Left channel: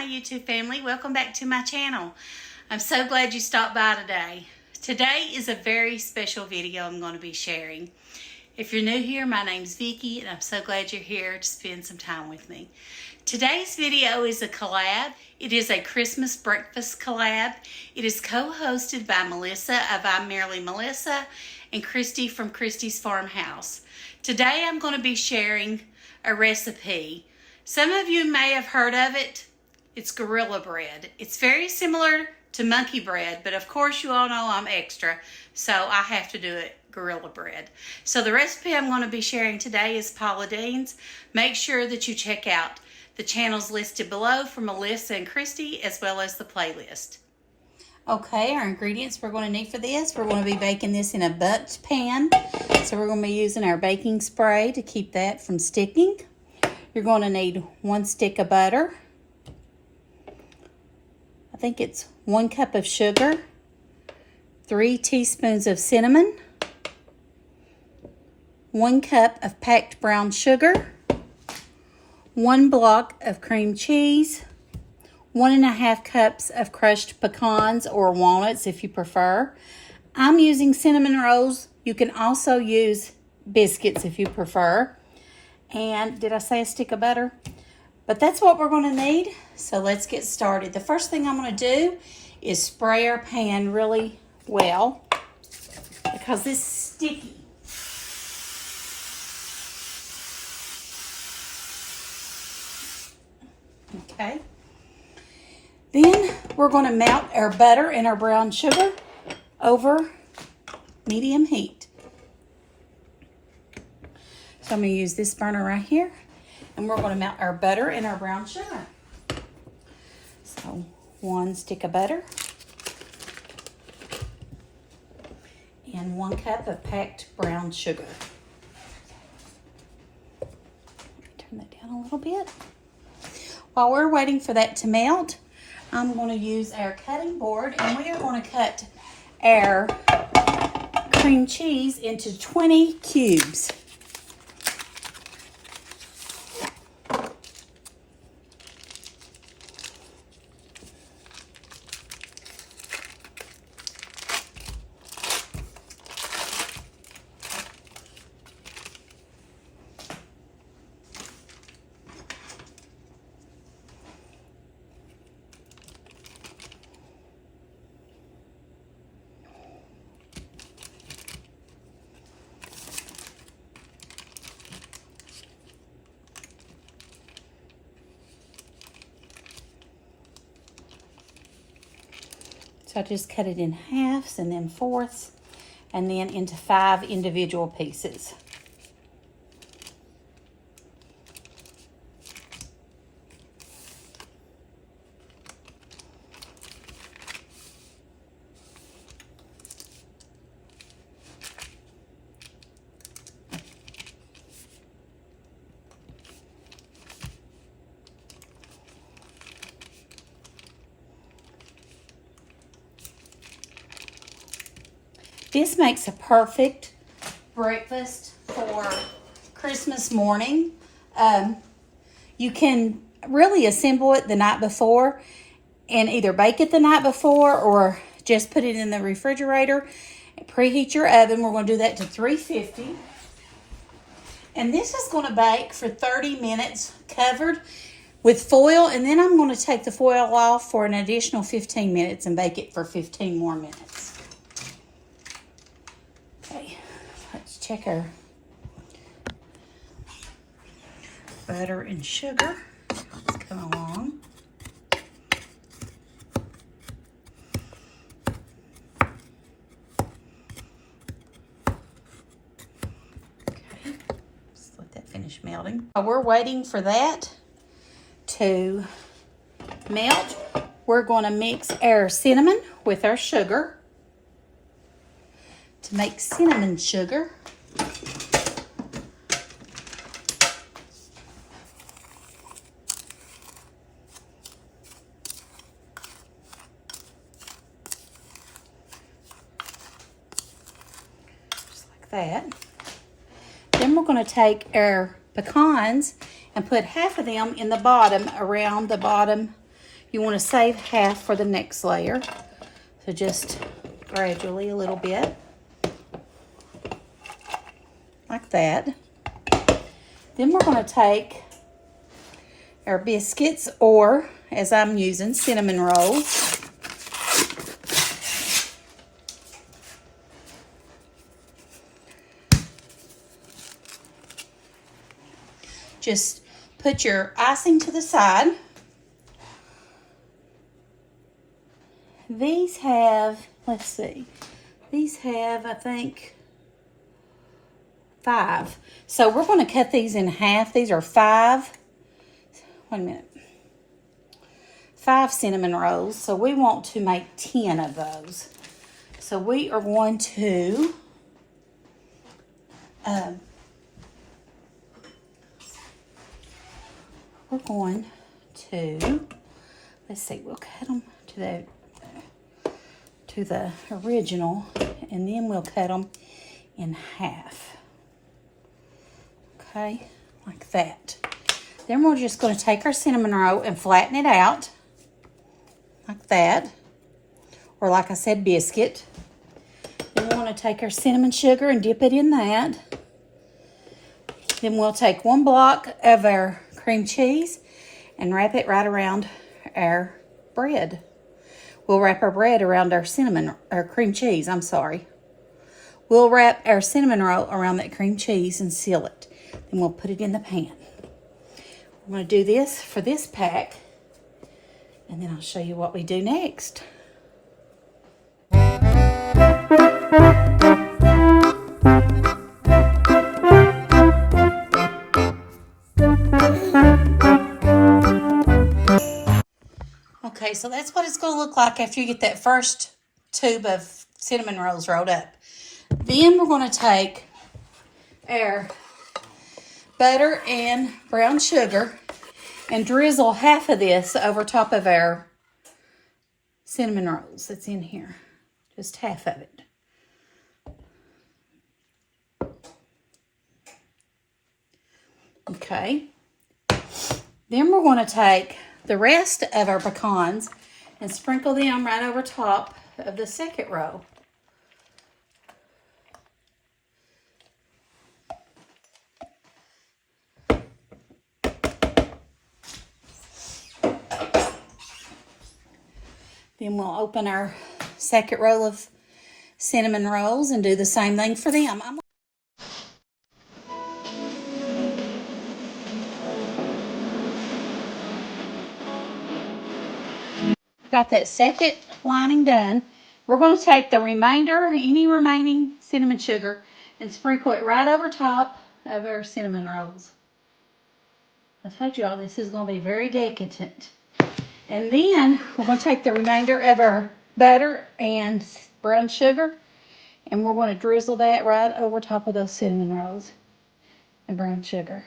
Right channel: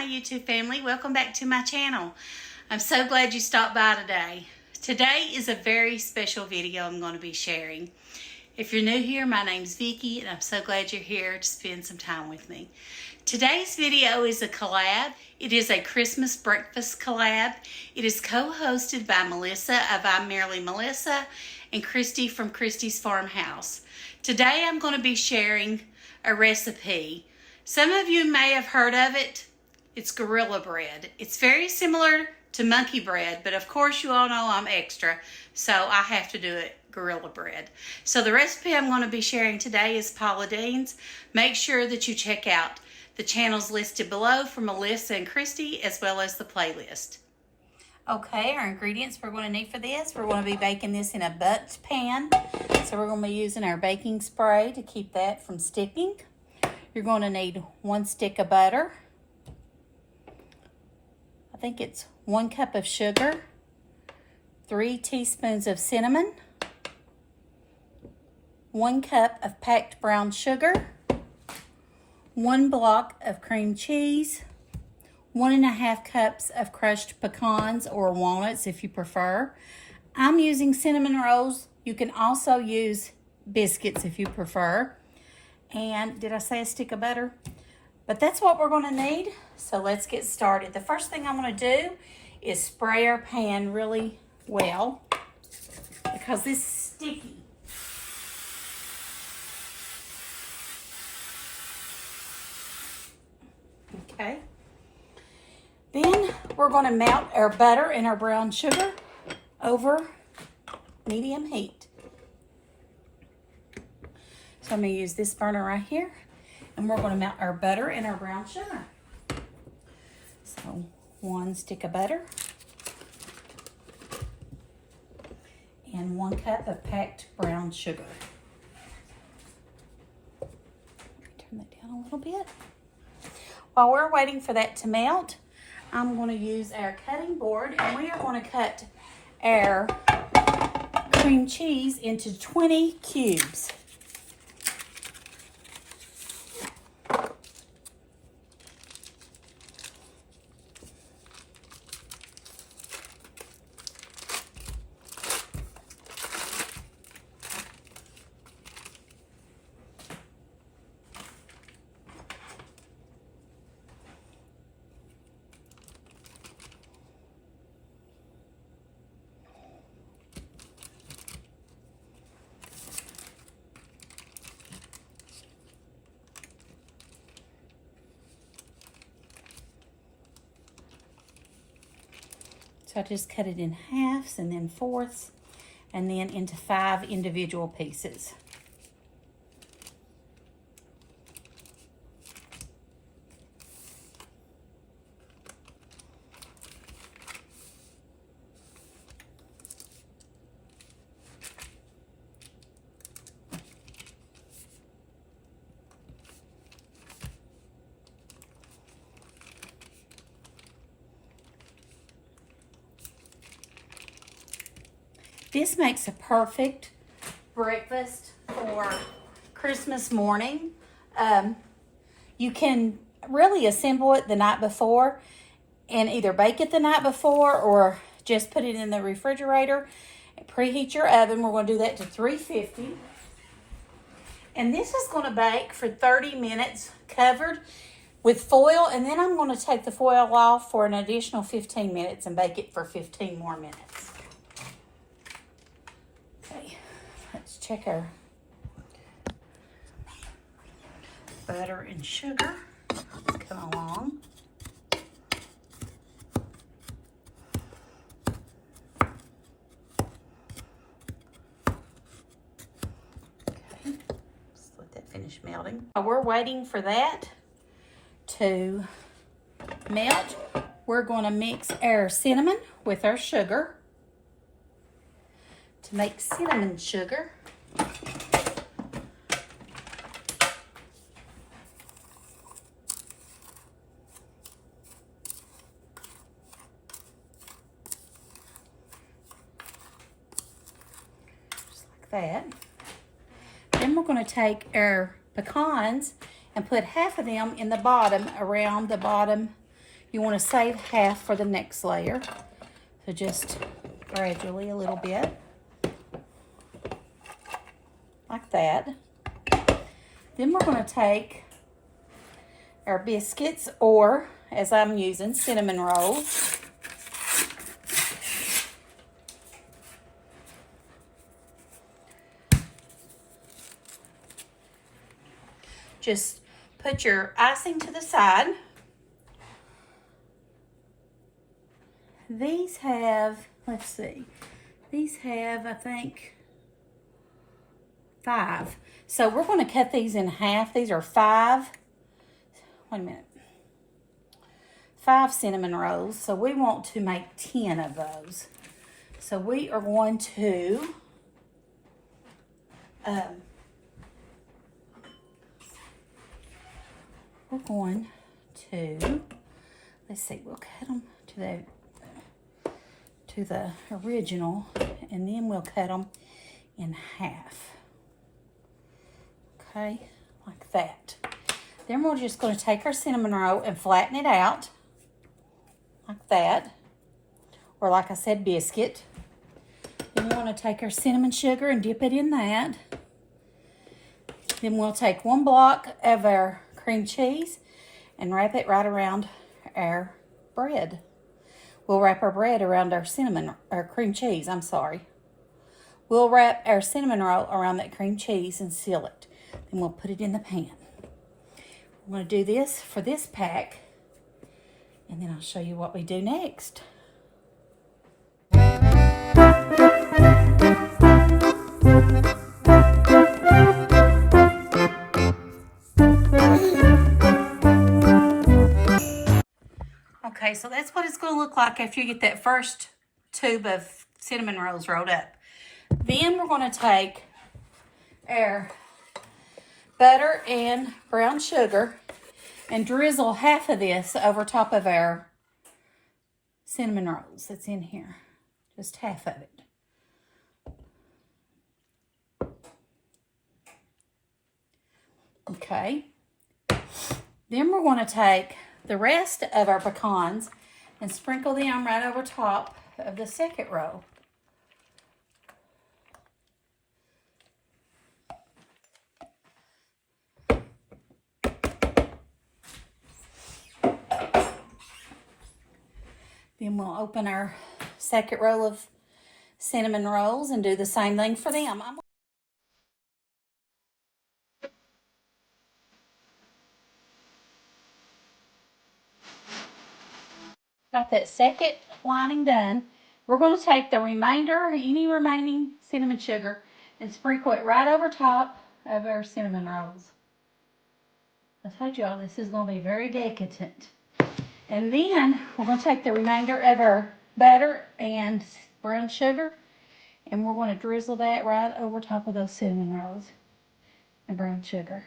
my YouTube family. Welcome back to my channel. I'm so glad you stopped by today. Today is a very special video I'm going to be sharing. If you're new here, my name's Vicki, and I'm so glad you're here to spend some time with me. Today's video is a collab. It is a Christmas breakfast collab. It is co-hosted by Melissa of I'm Merely Melissa and Christy from Christy's Farmhouse. Today I'm going to be sharing a recipe. Some of you may have heard of it. It's Gorilla Bread. It's very similar to monkey bread, but of course you all know I'm extra, so I have to do it Gorilla Bread. So the recipe I'm going to be sharing today is Paula Deen's. Make sure that you check out the channels listed below for Melissa and Christy, as well as the playlist. Okay, our ingredients we're going to need for this. We're going to be baking this in a Bundt pan. So we're going to be using our baking spray to keep that from sticking. You're going to need 1 stick of butter. I think it's 1 cup of sugar, 3 teaspoons of cinnamon, 1 cup of packed brown sugar, 1 block of cream cheese, 1.5 cups of crushed pecans or walnuts if you prefer. I'm using cinnamon rolls. You can also use biscuits if you prefer. And did I say a stick of butter? But that's what we're going to need. So let's get started. The first thing I'm going to do is spray our pan really well because this is sticky. Okay. Then we're going to melt our butter and our brown sugar over medium heat. So I'm going to use this burner right here, and we're going to melt our butter and our brown sugar. So 1 stick of butter and 1 cup of packed brown sugar. Turn that down a little bit. While we're waiting for that to melt, I'm going to use our cutting board, and we are going to cut our cream cheese into 20 cubes. So I just cut it in halves and then fourths and then into 5 individual pieces. This makes a perfect breakfast for Christmas morning. You can really assemble it the night before and either bake it the night before or just put it in the refrigerator. Preheat your oven. We're going to do that to 350. And this is going to bake for 30 minutes covered with foil. And then I'm going to take the foil off for an additional 15 minutes and bake it for 15 more minutes. Let's check our butter and sugar. Come along. Okay, just let that finish melting. While we're waiting for that to melt, we're going to mix our cinnamon with our sugar. To make cinnamon sugar, just like that. Then we're going to take our pecans and put half of them in the bottom, around the bottom You want to save half for the next layer. So just gradually a little bit. Like that. Then we're going to take our biscuits, or as I'm using, cinnamon rolls. Just put your icing to the side. These have, let's see, these have, I think, 5. So we're going to cut these in half. These are 5. Wait a minute. 5 cinnamon rolls. So we want to make 10 of those. So we are going to let's see, we'll cut them to the original, and then we'll cut them in half. Okay, like that. Then we're just going to take our cinnamon roll and flatten it out like that, or like I said, biscuit. Then we want to take our cinnamon sugar and dip it in that. Then we'll take 1 block of our cream cheese and wrap it right around our bread. We'll wrap our bread around our cream cheese, I'm sorry. We'll wrap our cinnamon roll around that cream cheese and seal it. Then we'll put it in the pan. I'm going to do this for this pack, and then I'll show you what we do next. Okay, so that's what it's going to look like after you get that first tube of cinnamon rolls rolled up. Then we're going to take our butter and brown sugar and drizzle half of this over top of our cinnamon rolls that's in here. Just half of it. Okay. Then we're going to take the rest of our pecans and sprinkle them right over top of the second row. Then we'll open our second row of cinnamon rolls and do the same thing for them. Got that second lining done. We're going to take the remainder, any remaining cinnamon sugar, and sprinkle it right over top of our cinnamon rolls. I told y'all this is going to be very decadent. And then we're going to take the remainder of our butter and brown sugar, and we're going to drizzle that right over top of those cinnamon rolls and brown sugar.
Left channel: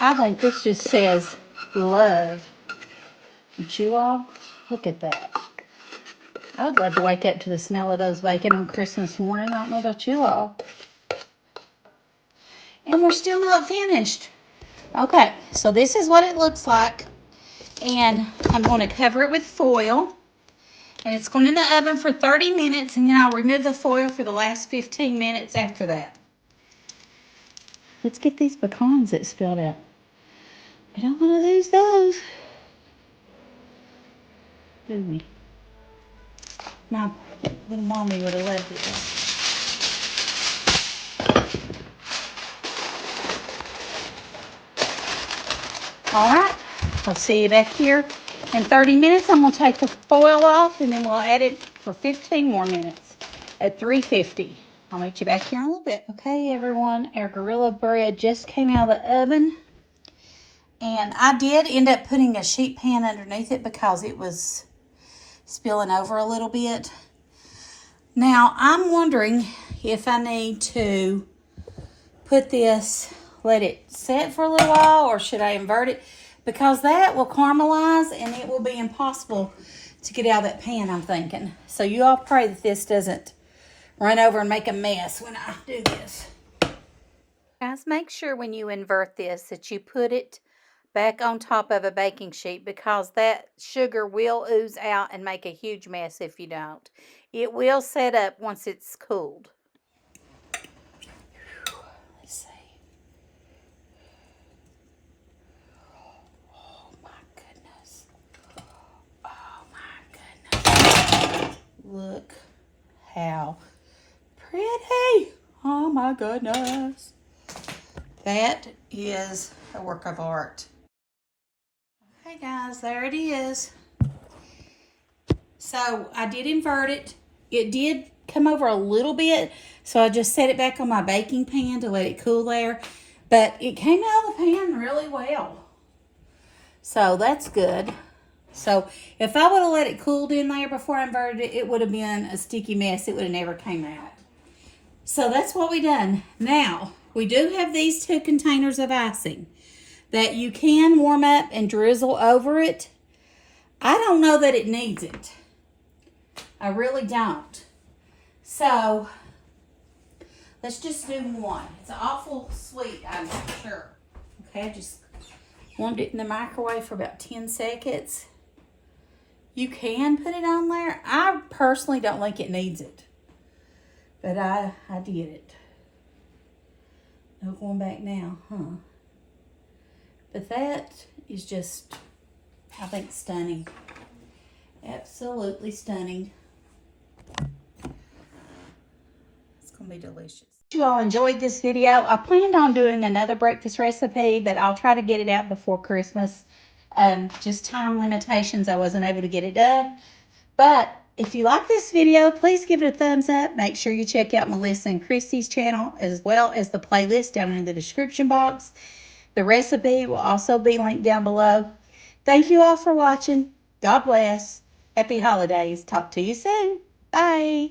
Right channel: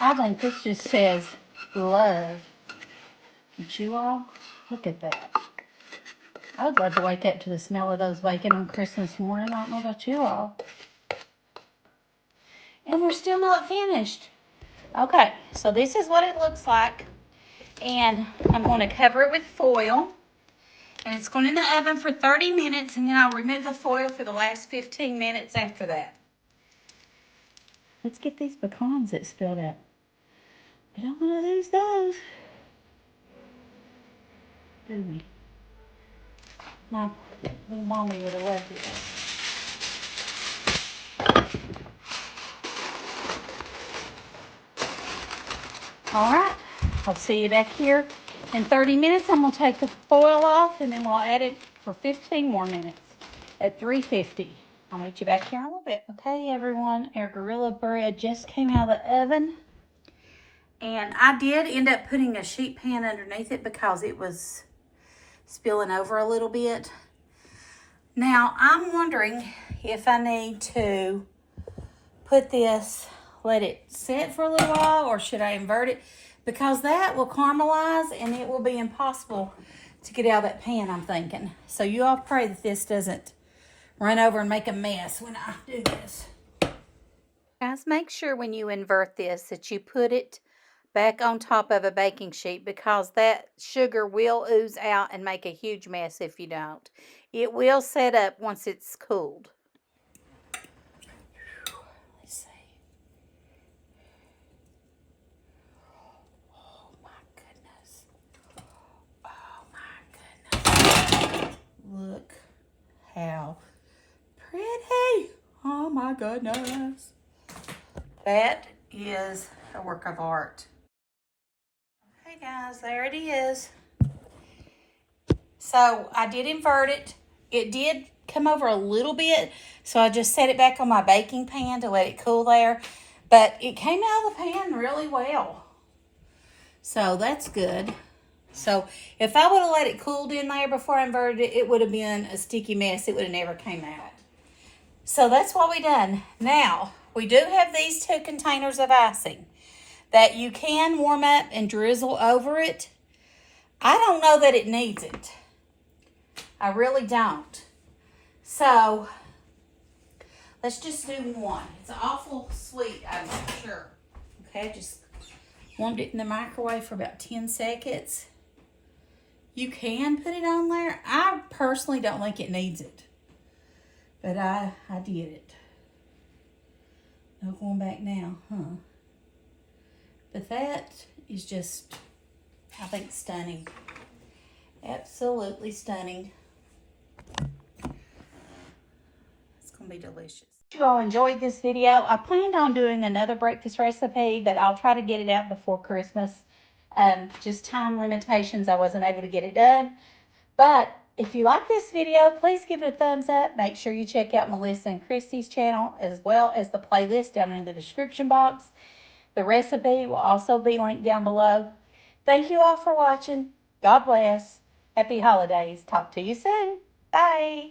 I think this just says love. Don't you all? Look at that. I would love to wake up to the smell of those bacon on Christmas morning. I don't know about you all. And we're still not finished. Okay, so this is what it looks like. And I'm going to cover it with foil. And it's going in the oven for 30 minutes, and then I'll remove the foil for the last 15 minutes after that. Let's get these pecans that spilled out. I don't want to lose those. Do we? My little mommy would have loved it. All right, I'll see you back here in 30 minutes. I'm going to take the foil off, and then we'll add it for 15 more minutes at 350. I'll meet you back here in a little bit. Okay, everyone, our Gorilla bread just came out of the oven. And I did end up putting a sheet pan underneath it because it was spilling over a little bit. Now, I'm wondering if I need to put this, let it set for a little while, or should I invert it? Because that will caramelize and it will be impossible to get out of that pan, I'm thinking. So you all pray that this doesn't run over and make a mess when I do this. Guys, make sure when you invert this that you put it back on top of a baking sheet because that sugar will ooze out and make a huge mess if you don't. It will set up once it's cooled. Let's see. Oh my goodness. Oh my goodness. Look how pretty. Oh my goodness. That is a work of art. Okay guys, there it is. So I did invert it. It did come over a little bit, so I just set it back on my baking pan to let it cool there. But it came out of the pan really well. So that's good. So if I would have let it cool in there before I inverted it, it would have been a sticky mess. It would have never came out. So that's what we done. Now, we do have these 2 containers of icing that you can warm up and drizzle over it. I don't know that it needs it. I really don't. So, let's just do one. It's awful sweet, I'm sure. Okay, I just warmed it in the microwave for about 10 seconds. You can put it on there. I personally don't think it needs it. But I did it. No going back now, huh? But that is just, I think, stunning. Absolutely stunning. It's going to be delicious. You all enjoyed this video. I planned on doing another breakfast recipe, but I'll try to get it out before Christmas. Just time limitations, I wasn't able to get it done. But if you like this video, please give it a thumbs up. Make sure you check out Melissa and Christy's channel as well as the playlist down in the description box. The recipe will also be linked down below. Thank you all for watching. God bless. Happy holidays. Talk to you soon. Bye.